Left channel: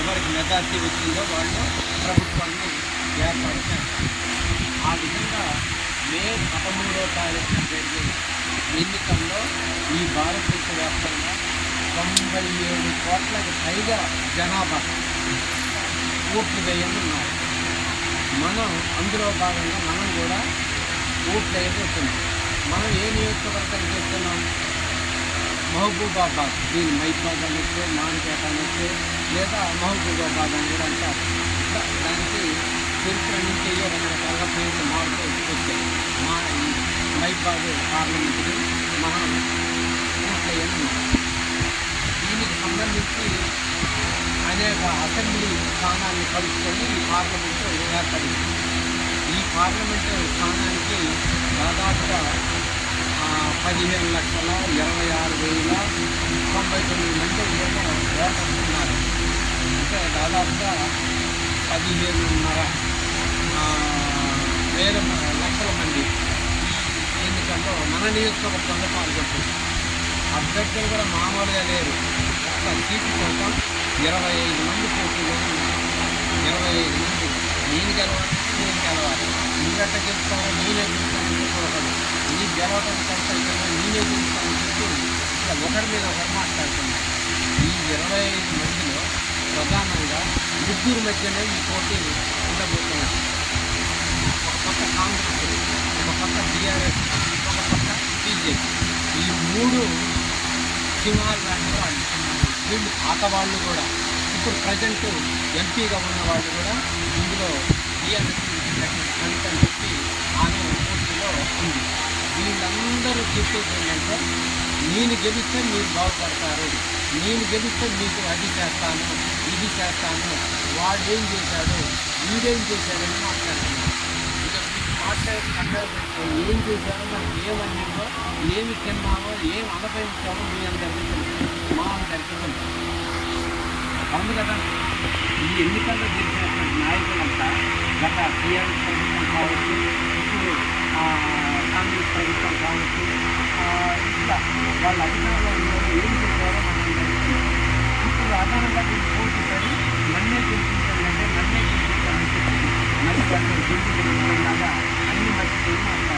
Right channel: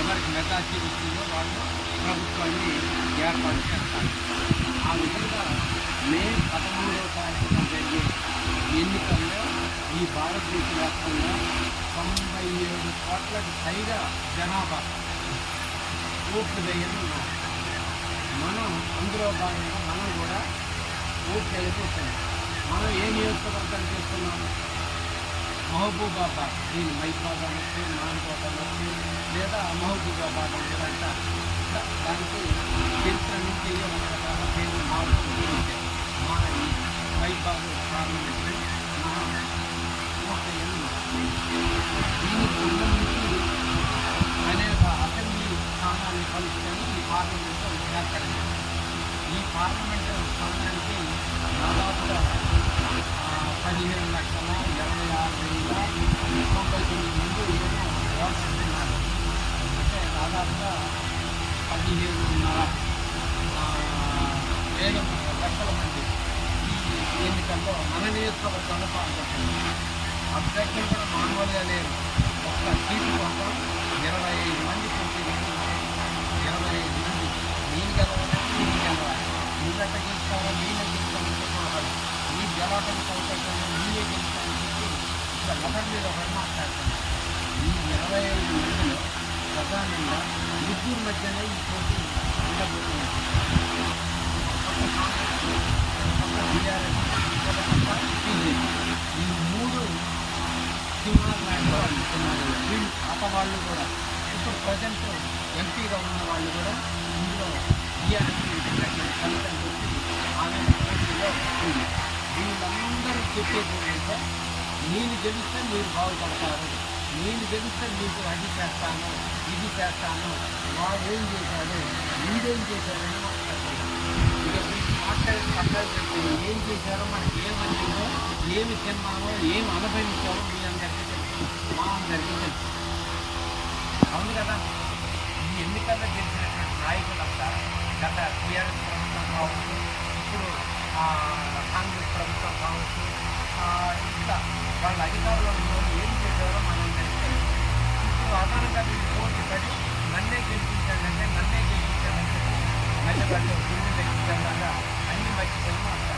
ఎవరికి మెజార్టీ వచ్చిందో వాళ్ళు ప్రభుత్వాన్ని ఏర్పాటు చేస్తారు. ఆ విధంగా మే పదమూడవ తారీఖున జరిగే ఎన్నికల్లో ఈ భారతదేశ వ్యాప్తంగా తొంభై ఏడు కోట్లకు పైగా జనాభా ఓట్లు వేయనున్నారు. మనం అందులో భాగంగా మనం కూడా ఓట్లు వేయబోతున్నాం. మనం ఏ నియోజకవర్గం చేస్తున్నాం? మహబూబాబాద్ దీని మైబాద్ అనొచ్చు మాన్కోట అనొచ్చు లేదా మహబూబాబాద్ అని కూడా అంటారు. దా- దానికి చరిత్ర నుంచి రకరకాలుగా పేర్లు మారుతూ వచ్చాయి మా ఈ మైబాద్ పార్లమెంట్ మనం ఓట్లేయని దీనికి సంబంధించి అనేక అసెంబ్లీ స్థానాన్ని కలుసుకొని ఈ పార్లమెంటు ఏర్పడింది. ఈ పార్లమెంటు స్థానానికి దాదాపుగా పదిహేను లక్షల ఇరవై ఆరు వేల తొంభై తొమ్మిది మంది ఏమో ఓటర్లు ఉన్నారు అంటే దాదాపుగా పదిహేనున్నర వేల లక్షల మంది ఈ ఎన్నికల్లో మన నియోజకవర్గంలో పాల్గొంటున్నారు. అభ్యర్థులు కూడా మామూలుగా లేరు. ఒక్క సీటు కోసం ఇరవై ఐదు మంది పోటీలో ఉన్నారు. ఇరవై ఐదు మంది నేను గెలవాలంటే నేను గెలవాలి. నువ్వెట్ట గెలుస్తావా నేనే గెలవటం కౌశల్యంగా నేనే గెలుస్తానని చెప్పి ఇట్లా ఒకరి మీద ఒకరు మాట్లాడుతున్నారు. ఈ ఇరవై ఐదు మందిలో ప్రధానంగా ముగ్గురు మధ్యనే ఈ పోటీ ఉండబోతున్నారు. ఒక పక్క కాంగ్రెస్ ఒక పక్క బీఆర్ఎస్ ఒక పక్క బీజేపీ. ఈ మూడు సింహాలు లాంటి వాళ్ళు వీళ్ళు పాత వాళ్ళు కూడా. ఇప్పుడు ప్రజెంట్ ఎంపీగా ఉన్న వాళ్ళు కూడా ఇందులో బీఆర్ఎస్ ఉన్నటువంటి కవిత అని చెప్పి ఆమె పోటీలో ఉంది. వీళ్ళందరూ చెప్పేది ఏంటంటే నేను గెలిస్తే మీరు బాగుపడతారు నేను గెలిస్తే మీకు అది చేస్తాను ఇది చేస్తాను వాడు ఏం చేశాడు వీడేం చేశాడని మాట్లాడుతున్నారు ఇక వీళ్ళు మాట్లాడి పక్కన పెట్టి ఏం చేశారో మనకి ఏం అందిందో ఏమి తిన్నామో ఏం అనుభవించామో మీ అందరికీ తెలుసు. మా అందరికీ తెలుసు. అవును కదా? ఈ ఎన్నికల్లో గెలిచినటువంటి నాయకులంతా గత టీఆర్ఎస్ ప్రభుత్వం కావచ్చు ప్రభుత్వం కావచ్చు ఇంకా వాళ్ళ అధికారంలో ఉన్నవారు ఏం చేశారో మనం ఇప్పుడు అదనంగా దీన్ని పోటీ పడి నన్నే గెలిపించండి అంటే నన్నే గెలిపించాలని చెప్పి మరి వాళ్ళు గుండు గెలిపించడం లాగా అన్ని మర్చిపోయి మాట్లాడతారు